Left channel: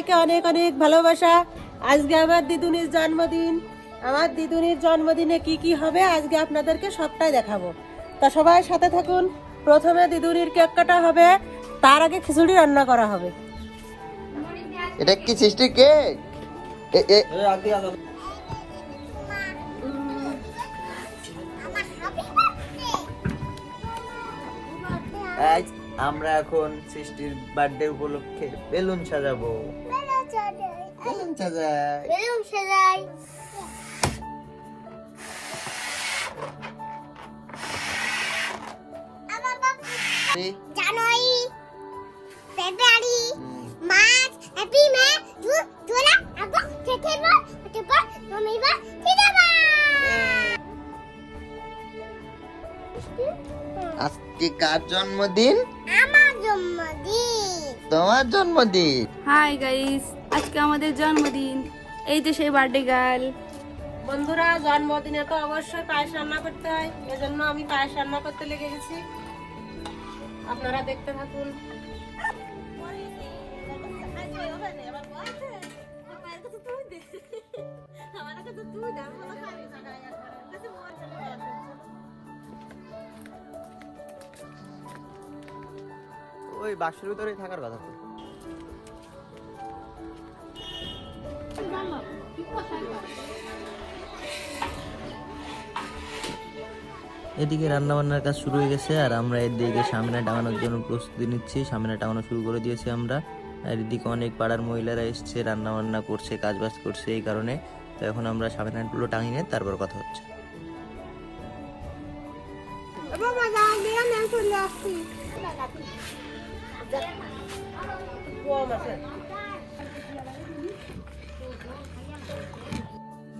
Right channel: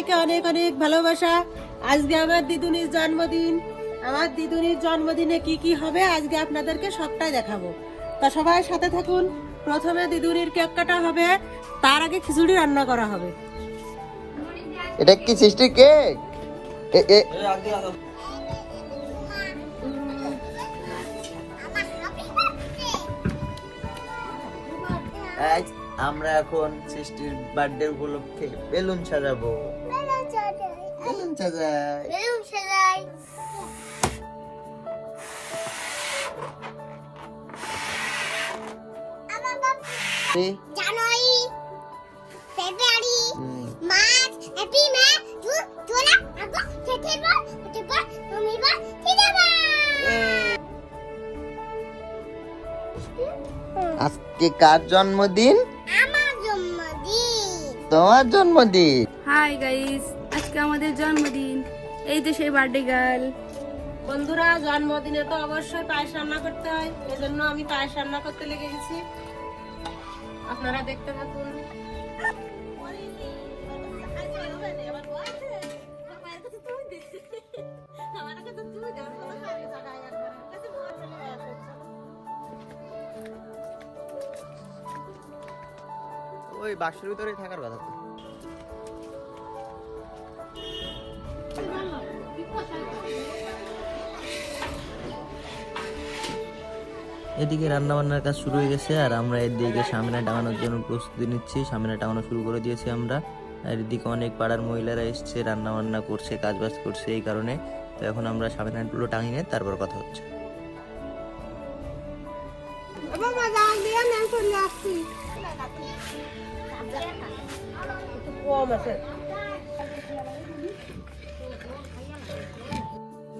সবাইকে অনেক অনেক ভালোবাসা। আজকে আমার দিদুনির জন্মদিন। আমার দিদুনির জন্মদিনে কি কি হবে আজকে আপনাদেরকে সবটাই দেখাবো। তা সবাই সাথে থাকুন। প্রথমে দিদুনির কেক কাটা হবে, তার আগে খিচুড়ি রান্না করা হবে। এটা কি সৃষ্টি কেক? আজ আমরা এখন সৃষ্টির বার্থডে উপলক্ষে বেলুন সাজাবো। বেলুন সাজাই। January, February, March, April, May, June, July, August, September, October, November, December. আজকে কার জন্মদিন? আমার জন্মদিন। তোমার জন্মদিন। হাই গাইস, আজকে আমাদের জন্মদিন। এই যে সেই বার্থডে গার্ল। বন্ধুরা, জন্মদিনে তো অবশ্যই পায়েস রান্না করতে হয়, এজন্য আমি পায়েস রান্না করতে লেগে গেছি। আপনারা দেখতে থাকুন। ওই বাক্সের ভিতরেই থাকার কথা তো। এদিকে রান্না বান্নার কাজ শুরু হয়ে গেছে আর আমরা এদিকে সামনে টাঙানোর জন্য প্রস্তুতি নিচ্ছি। সামনে টাঙানো শুরু করে দিয়েছি আমরা। আর এদিকে অনেক পাড়ার মহিলারা এসছে, রান্না বান্না করছে, কাজ বাজ করছে, এই কারণে। তো এখন আমরা সামনেগুলো টাঙিয়ে তারপর কথা হচ্ছে।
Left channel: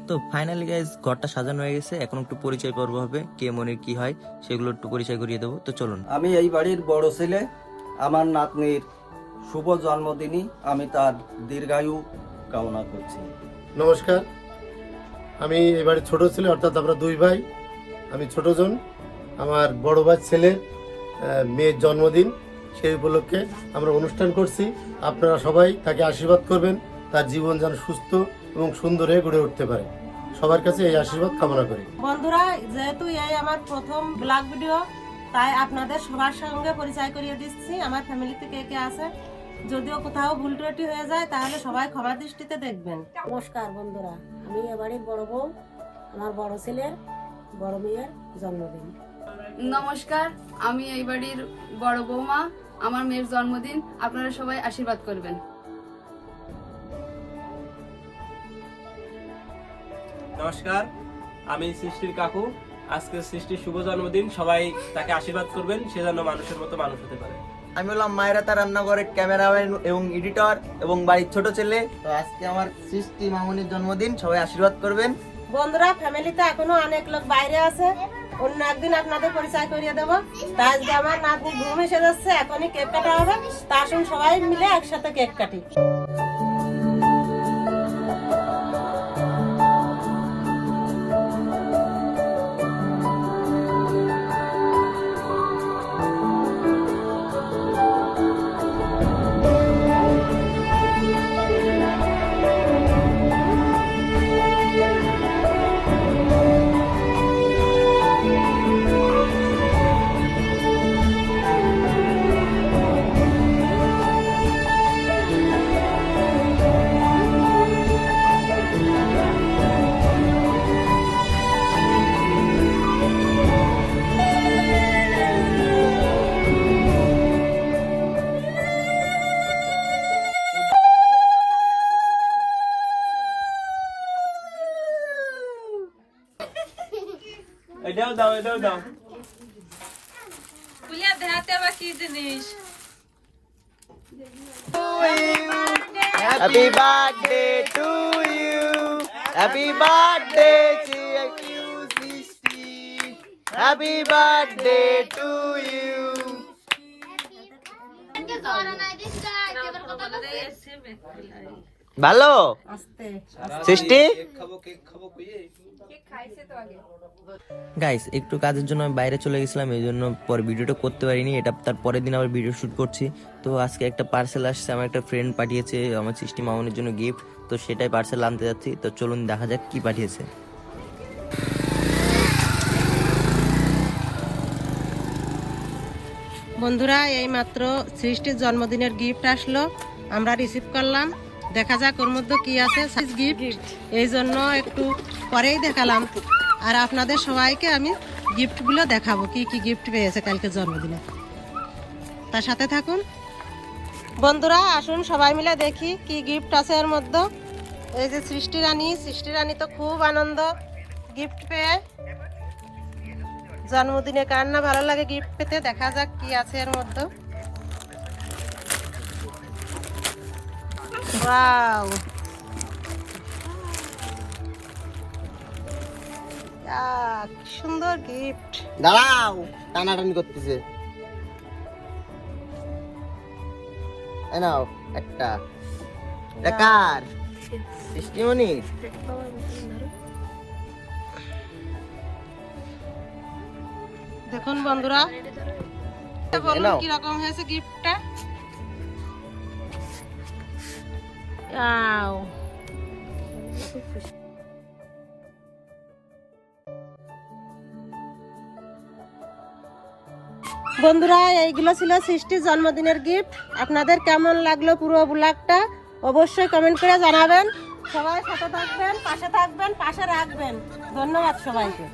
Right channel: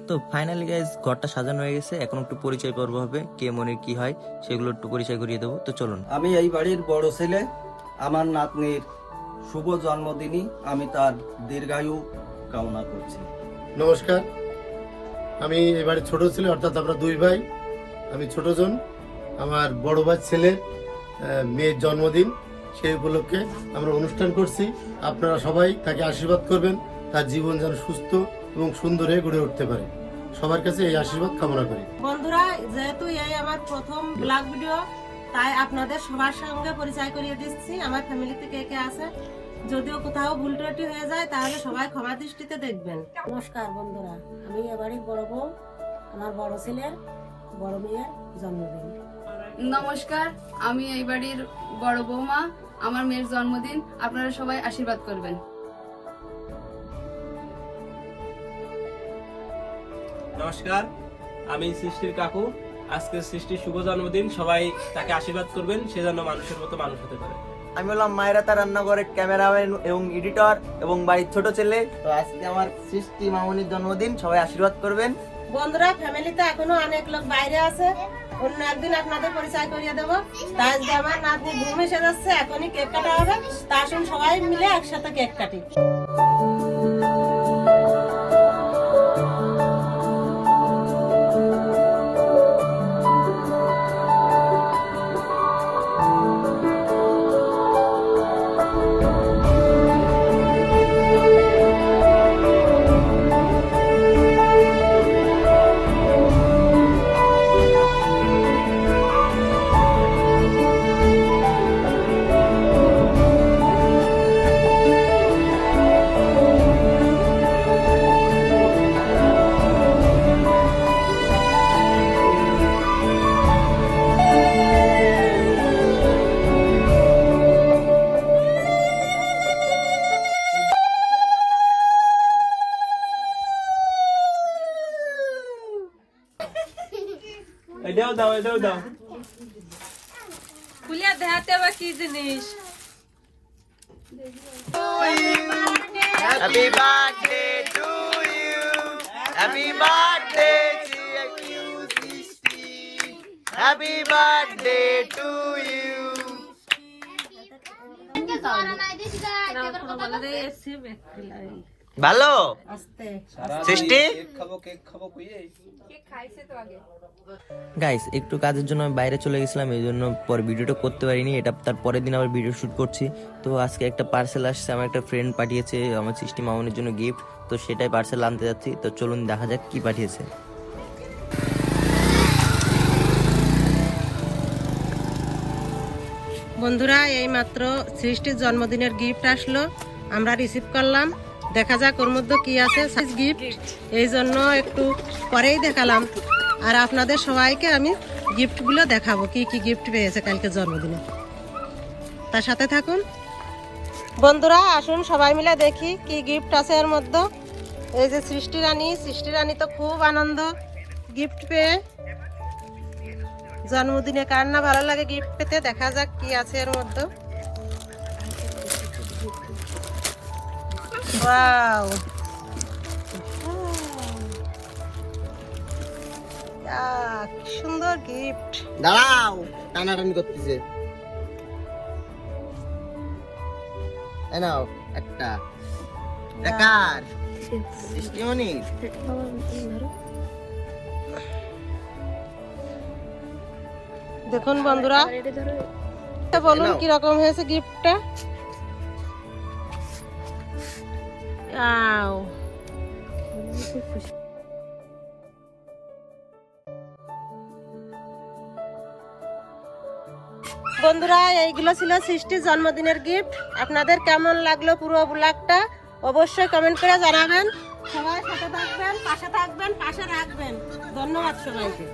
তো ফাইনালি গাইজ ঘরটা সাজানো হয়ে গেছে। এখন একটু পরিচয় পর্ব হবে, কে মনে কি হয় সেগুলো একটু পরিচয় করিয়ে দেবো। তো চলুন। আমি এই বাড়ির বড় ছেলে। আমার নাতনির শুভ জন্মদিনই আমি তার দীর্ঘায়ু কামনা করছি। নমস্কার, আমি এবারে ছোট ছেলে, অর্থাৎ আমরা দুই ভাই। আমি ছোট জন। আমার বড় ভাই ছেলের মেয়ের জন্মদিন, সেই উপলক্ষে আমরা অনুষ্ঠান করছি। আপনারা সবাই তাকে আশীর্বাদ করবেন, তার জীবন যেন সুস্থ এবং সুন্দর হয়ে গড়ে উঠতে পারে। সবার কাছে এই আশীর্বাদ কামনা করি। বন্ধুরা, যেহেতু এই আমার প্রথম ব্লগ ভিডিও, তাই আপনাদের সবার সঙ্গে পরিচয় করিয়ে দিচ্ছি আমার ফ্যামিলিতে কে কে আছে। যদিও কোথাও ভুল ত্রুটি হয়ে যায় তাহলে সবাই ক্ষমা দৃষ্টিতে দেখবেন। নমস্কার বন্ধুরা, আমি এবারের বড় বউ। আমার বড় ছেলের বড় মেয়ের জন্মদিন। নমস্কার, আমি এই বাড়ির বড় বৌমা। আমার মেয়ের জন্মদিন, আপনারা সবাই আশীর্বাদ করবেন। নমস্কার, আমি সৃষ্টির কাকু। আজকে সৃষ্টির শুভ জন্মদিন, সবাই তাকে আশীর্বাদ করবেন, সে যেন মানুষের মতো মানুষ হতে পারে। আমি হলাম মায়েরাতা রান্নাঘরের ক্যামেরাম্যান এবং এডিটর এবং বাড়ির ছোট ছেলে। তো আজকে আমার সৃষ্টি মামনির জন্মদিন, সবাই আশীর্বাদ করবেন। বন্ধুরা, ফ্যামিলিতে এখনো অনেক লোক বাইরে আছে, অন্য একদিন আপনাদের পরিচয় করিয়ে দেবো। তা আজকে আমার নাতনি ঘুম এসে যাচ্ছে, এখনই কেক কাটা হবে। তা আসুন সবাই মিলে একসাথে কেক কাটি। এটাও দাও, এটাও দাও। খুলিয়া দেখাতে আবার কি জিনিস। Happy birthday to you, happy birthday to you Srishti, happy birthday to you. ভালো আস্তে সৃষ্টি কেক খাবো কইয়ে গাইস একটু কাজের জন্য আমি বাইরে চলে গেছিলাম, এই জন্য পরে ভিডিওটা করতে পারিনি। এটা তার পরের দিন আবার ভিডিও শুট করছি। তো আজকে একটা পার্সেল আসছে, আমার একটা ফ্রেন্ড পাঠিয়েছে আমার সৃষ্টি মামনের জন্য গিফট, তো সেটাই পার্সেল আনতে যাচ্ছি। তো চলুন দেখা যাক কি পাঠিয়েছে। বন্ধুরা, এই মাত্র সৃষ্টির জন্মদিনের গিফট আসলো, আমরা রিসিভ করলাম। দেখা যাক ওর মধ্যে কি আছে গিফট, এই জন্য একটু পরেই দেখালাম। আর আপনাদের সবাইকে আমি গিফটগুলো দেখাবো, কি কি গিফট পেয়েছে কালকে জন্মদিনে। তার সাথে থাকুন বন্ধুরা, আসুন সবাই মিলে দেখি কি গিফট আছে এর মধ্যে। এই যে সৃষ্টি রানী তো খুব আনন্দ গিফট পেয়ে। জন্মদিনে কার না ভালো লাগে গিফট পেতে। দেখা যাক কি আছে এর মধ্যে। ওয়াও, কি সুন্দর গিফট। দাঁড়াও, টানাটানি করতেছে। এই নাও একটা। কার? সৃষ্টিমণির। দেখুন বন্ধুরা, বলুন কিরকম হয়েছে গিফটটা। ওয়াও, বন্ধুরা এইগুলো ছিল সৃষ্টির জন্মদিনের গিফট। আপনাদের কেমন লাগলো পুরো ব্লগটা অবশ্যই কমেন্ট করে জানাবেন। সবাই সাথে থাকবেন, পাশে থাকবেন, পাশে রাখবেন। ধন্যবাদ সবাইকে।